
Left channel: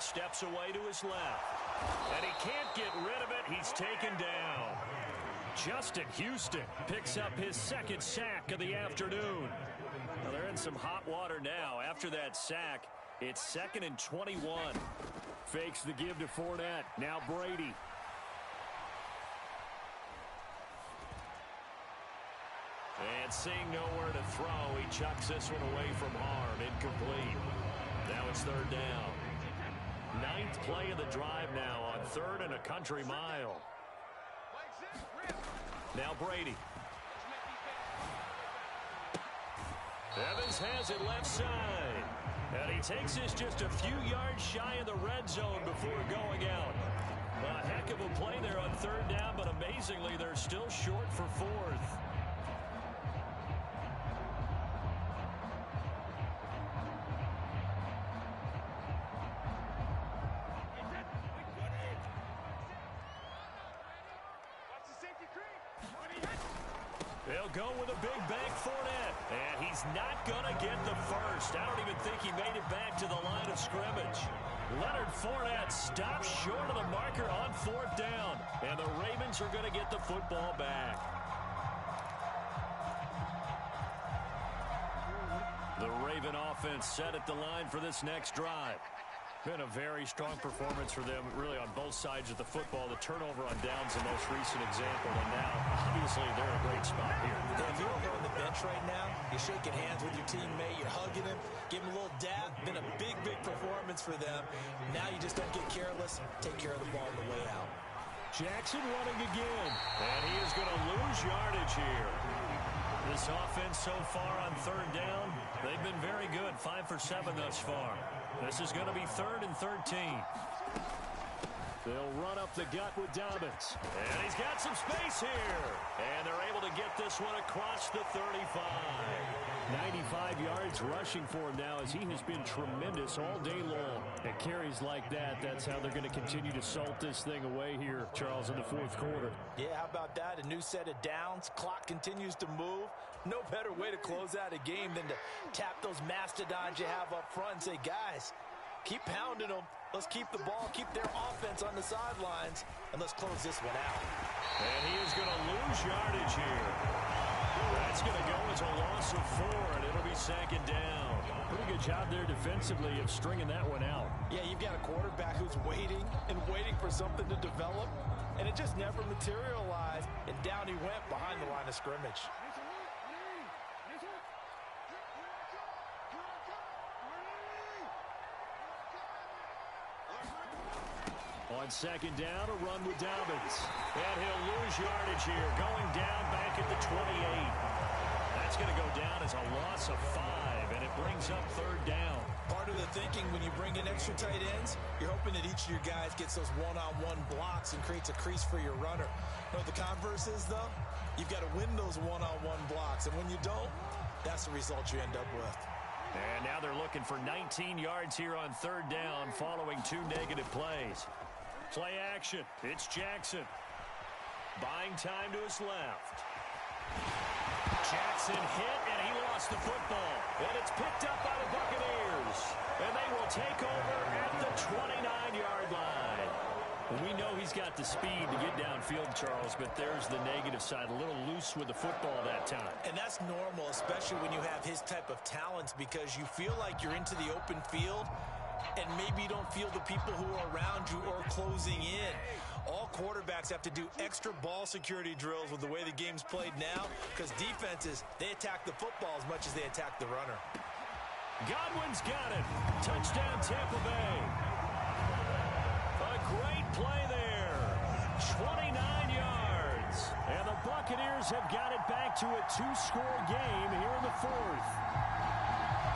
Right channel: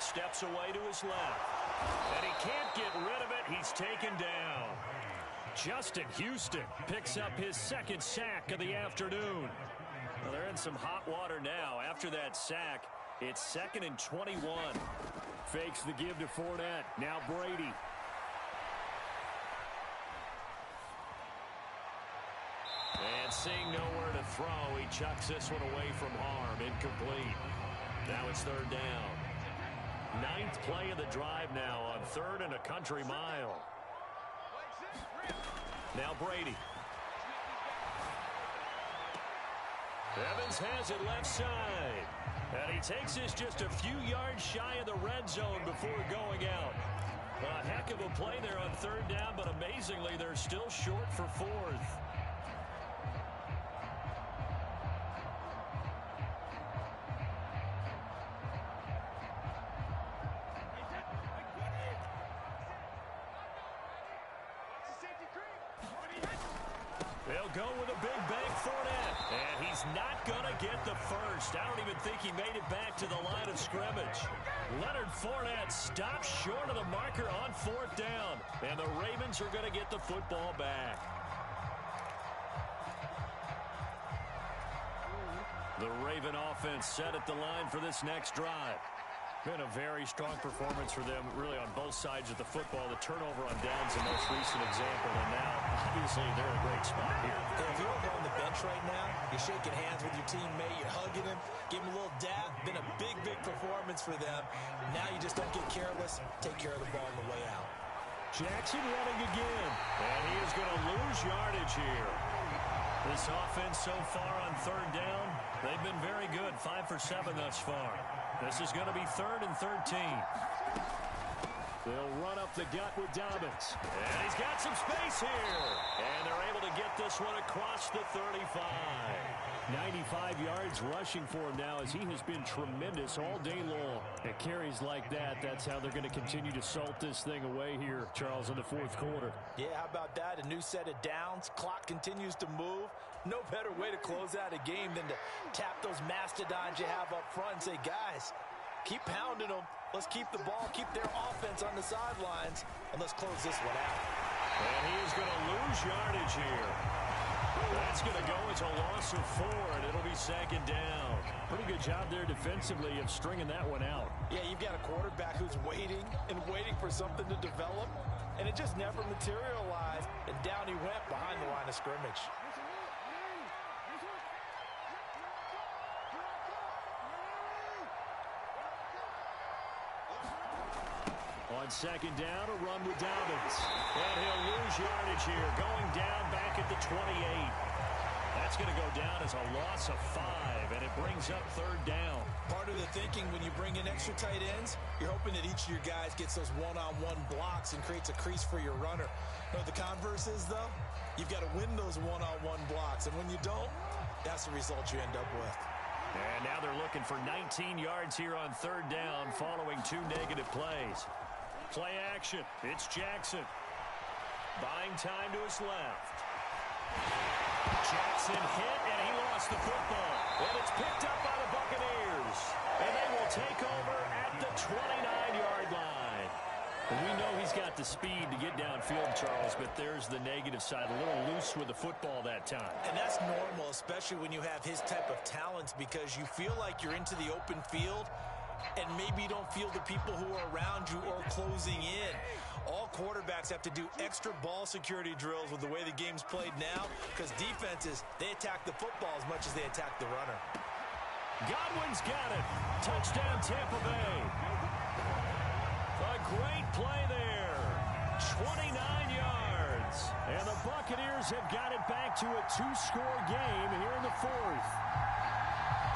Steps away to his left. And he can't get rid of it. He's taken down. Justin Houston picks up his 2nd sack of the afternoon. Well, they're in some hot water now. After that sack, it's 2nd and 21. Fakes the give to Fournette. Now Brady. And seeing nowhere to throw, he chucks this one away from harm. Incomplete. Now it's 3rd down. 9th play of the drive now on 3rd and a country mile. Now Brady. Evans has it left side. And he takes this just a few yards shy of the red zone before going out. A heck of a play there on 3rd down, but amazingly, they're still short for 4th. They'll They'll go with a big bank Fournette. And he's not going to get the first. I don't even think he made it back to the line of scrimmage. Leonard Fournette stops short of the marker on 4th down. And the Ravens are going to get the football back. The Raven offense set at the line for this next drive. Been a very strong performance for them, really, on both sides of the football. The turnover on downs, the most recent example, and now, obviously, they're in a great spot here. Yeah, if you're over on the bench right now, you're shaking hands with your teammate, you're hugging him, give him a little dab. Been a big, big performance for them. Now you just don't get careless. Take care of the ball on the way out. Jackson running again, and he is going to lose yardage here. This offense so far on 3rd down, they've been very good, 5 for 7 thus far. This is going to be 3rd and 13. They'll run up the gut with Dobbins. And he's got some space here. And they're able to get this one across the 35. 95 yards rushing for him now, as he has been tremendous all day long. At carries like that, that's how they're going to continue to salt this thing away here, Charles, in the 4th quarter. Yeah, how about that? A new set of downs. Clock continues to move. No better way to close out a game than to tap those mastodons you have up front and say, guys, keep pounding them. Let's keep the ball, keep their offense on the sidelines, and let's close this one out. And he is going to lose yardage here. That's going to go as a loss of 4, and it'll be 2nd down. Pretty good job there defensively of stringing that one out. Yeah, you've got a quarterback who's waiting and waiting for something to develop, and it just never materialized, and down he went behind the line of scrimmage. On 2nd down, a run with Dobbins. And he'll lose yardage here, going down back at the 28. That's going to go down as a loss of 5, and it brings up 3rd down. Part of the thinking when you bring in extra tight ends, you're hoping that each of your guys gets those one-on-one blocks and creates a crease for your runner. You know what the converse is, though? You've got to win those one-on-one blocks, and when you don't, that's the result you end up with. And now they're looking for 19 yards here on 3rd down following 2 negative plays. Play action. It's Jackson. Buying time to his left. Jackson hit, and he lost the football. And it's picked up by the Buccaneers. And they will take over at the 29-yard line. And we know he's got the speed to get downfield, Charles, but there's the negative side. A little loose with the football that time. And that's normal, especially when you have his type of talents, because you feel like you're into the open field, and maybe you don't feel the people who are around you or closing in. All quarterbacks have to do extra ball security drills with the way the game's played now, because defenses, they attack the football as much as they attack the runner. Godwin's got it. Touchdown, Tampa Bay. A great play there. 29 yards. And the Buccaneers have got it back to a 2-score game here in the 4th.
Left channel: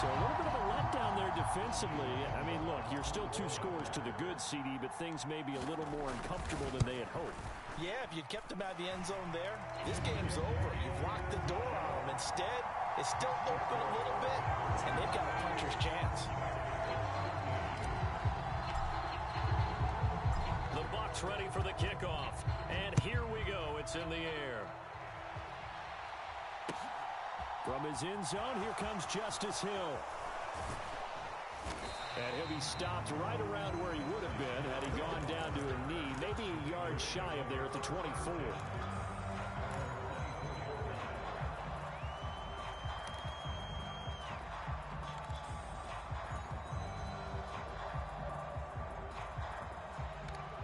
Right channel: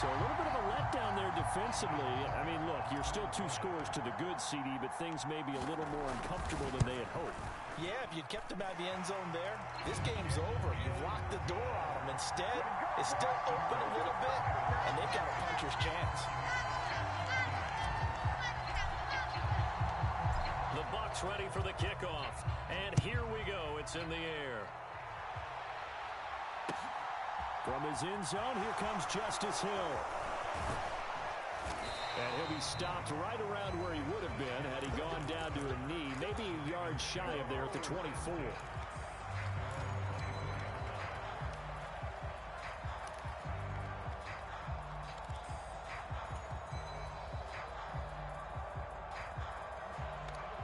So a little bit of a letdown there defensively. I mean, look, you're still 2 scores to the good, CD, but things may be a little more uncomfortable than they had hoped. Yeah, if you'd kept them out of the end zone there, this game's over. You've locked the door on them. Instead, it's still open a little bit, and they've got a puncher's chance. The Bucs ready for the kickoff. And here we go. It's in the air. From his end zone, here comes Justice Hill. And he'll be stopped right around where he would have been had he gone down to a knee, maybe a yard shy of there at the 24.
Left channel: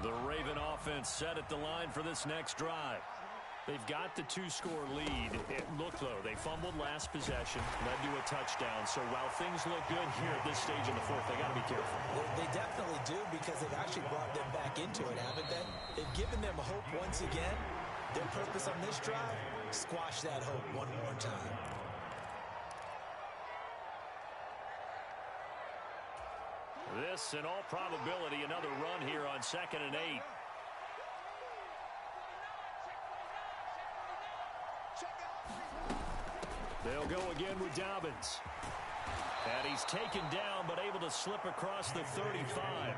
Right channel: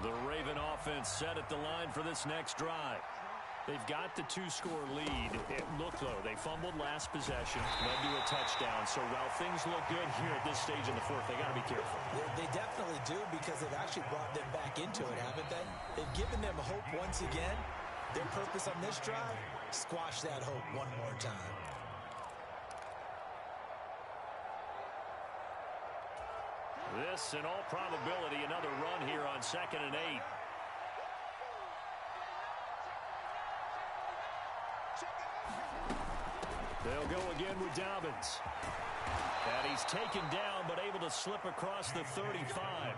The Raven offense set at the line for this next drive. They've got the 2-score lead. It looked low. They fumbled last possession, led to a touchdown. So while things look good here at this stage in the 4th, they got to be careful. They definitely do, because they've actually brought them back into it, haven't they? They've given them hope once again. Their purpose on this drive, squash that hope one more time. This, in all probability, another run here on 2nd and 8. They'll go again with Dobbins. And he's taken down, but able to slip across the 35.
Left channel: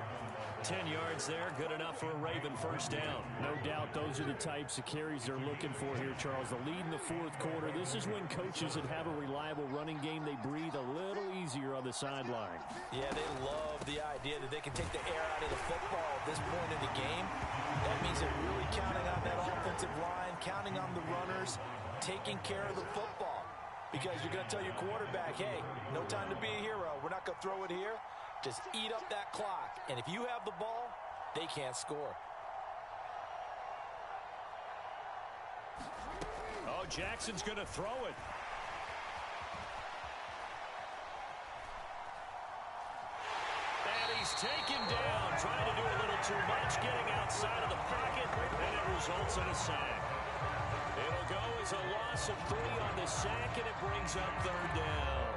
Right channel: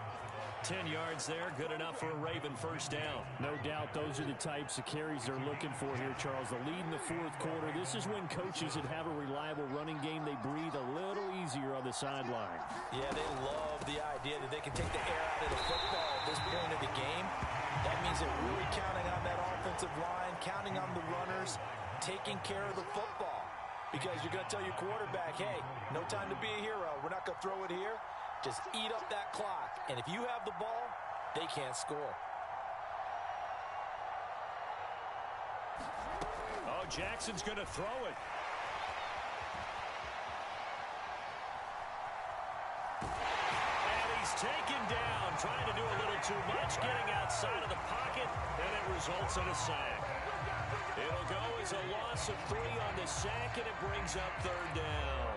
10 yards there, good enough for a Raven first down. No doubt those are the types of carries they're looking for here, Charles. The lead in the fourth quarter. This is when coaches that have a reliable running game, they breathe a little easier on the sideline. Yeah, they love the idea that they can take the air out of the football at this point in the game. That means they're really counting on that offensive line, counting on the runners, taking care of the football. Because you're going to tell your quarterback, hey, no time to be a hero. We're not going to throw it here. Just eat up that clock. And if you have the ball, they can't score. Oh, Jackson's going to throw it. And he's taken down, trying to do a little too much, getting outside of the pocket, and it results in a sack. It'll go as a loss of 3 on the sack, and it brings up third down.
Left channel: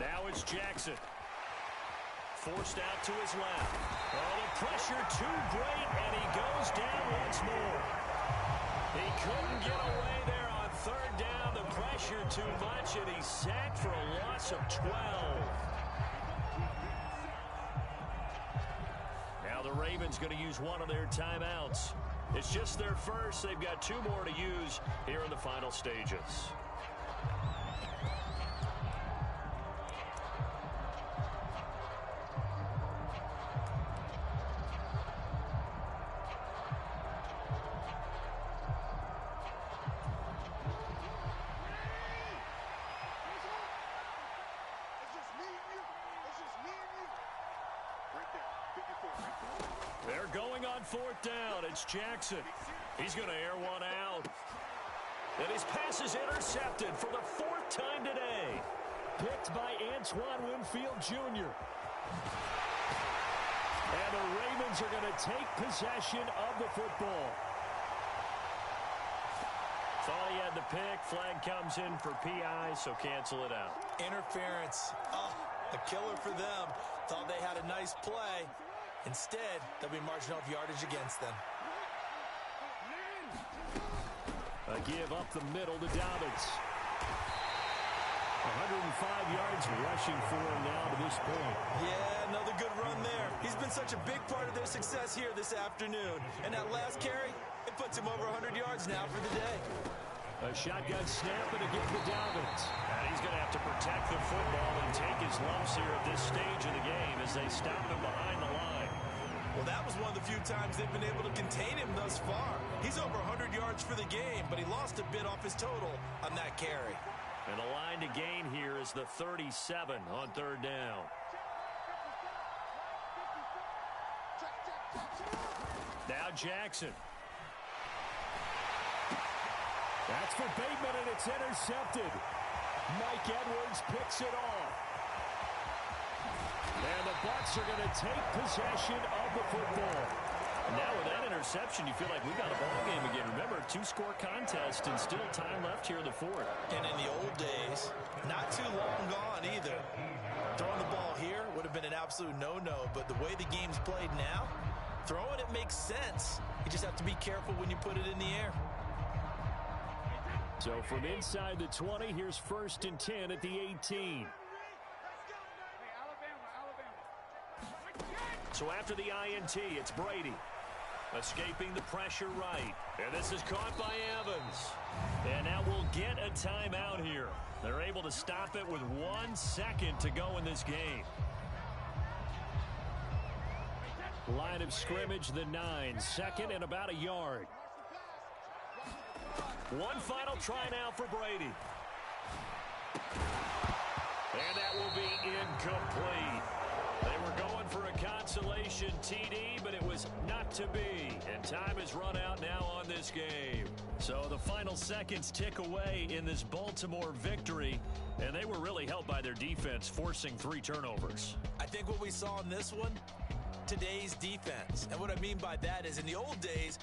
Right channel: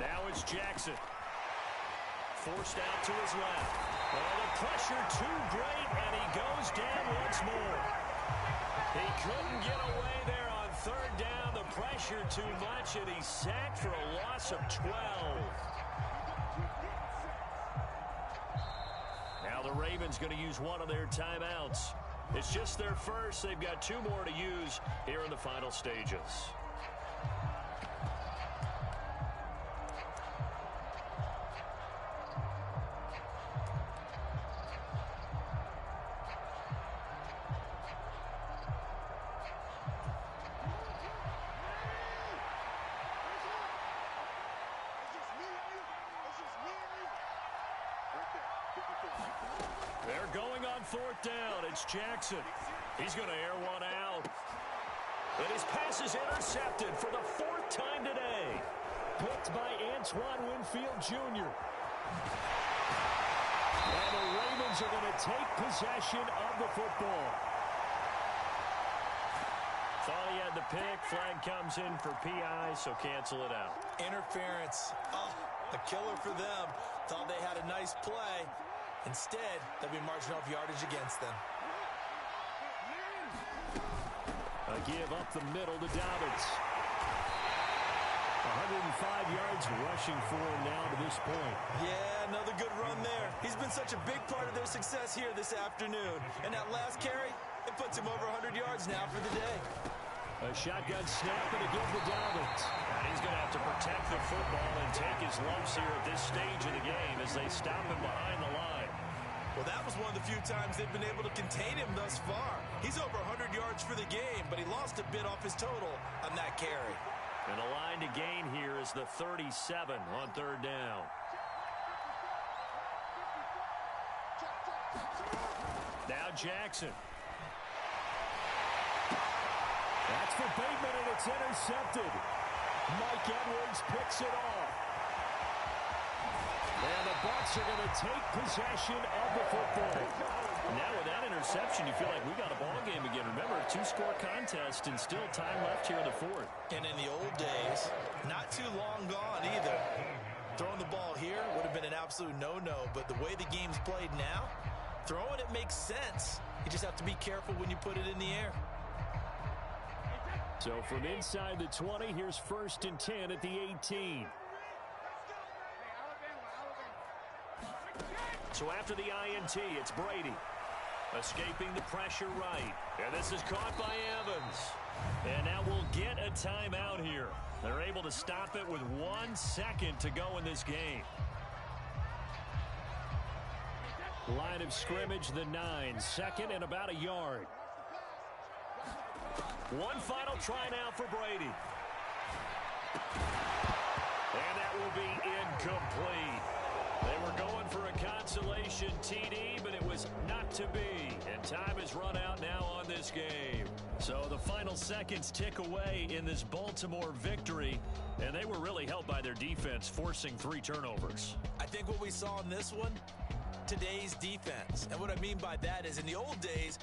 Now it's Jackson. Forced out to his left. Oh, the pressure too great, and he goes down once more. He couldn't get away there on third down. The pressure too much, and he's sacked for a loss of 12. Now the Ravens going to use one of their timeouts. It's just their first. They've got 2 more to use here in the final stages. They're going on fourth down. It's Jackson. He's going to air one out. And his pass is intercepted for the 4th time today. Picked by Antoine Winfield Jr. And the Ravens are going to take possession of the football. Thought he had the pick. Flag comes in for PI, so cancel it out. Interference. Oh, a killer for them. Thought they had a nice play. Instead, they'll be marching off yardage against them. A give up the middle to Dobbins. 105 yards rushing for him now to this point. Yeah, another good run there. He's been such a big part of their success here this afternoon. And that last carry, it puts him over 100 yards now for the day. A shotgun snap and a give to Dobbins. And he's going to have to protect the football and take his lumps here at this stage of the game as they stop him behind the line. Well, that was one of the few times they've been able to contain him thus far. He's over 100 yards for the game, but he lost a bit off his total on that carry. And the line to gain here is the 37 on third down. Now Jackson. That's for Bateman, and it's intercepted. Mike Edwards picks it off. And the Bucs are going to take possession of the football. Now with that interception, you feel like we got a ball game again. Remember, 2-score contest and still time left here in the 4th. And in the old days, not too long gone either. Throwing the ball here would have been an absolute no-no, but the way the game's played now, throwing it makes sense. You just have to be careful when you put it in the air. So from inside the 20, here's 1st and 10 at the 18. So after the INT, it's Brady. Escaping the pressure right. And this is caught by Evans. And now we'll get a timeout here. They're able to stop it with 1 second to go in this game. Line of scrimmage, the 9. 2nd and about a yard. One final try now for Brady. And that will be incomplete. They were going for a consolation TD, but it was not to be. And time has run out now on this game. So the final seconds tick away in this Baltimore victory. And they were really helped by their defense, forcing 3 turnovers. I think what we saw in this one, today's defense. And what I mean by that is in the old days,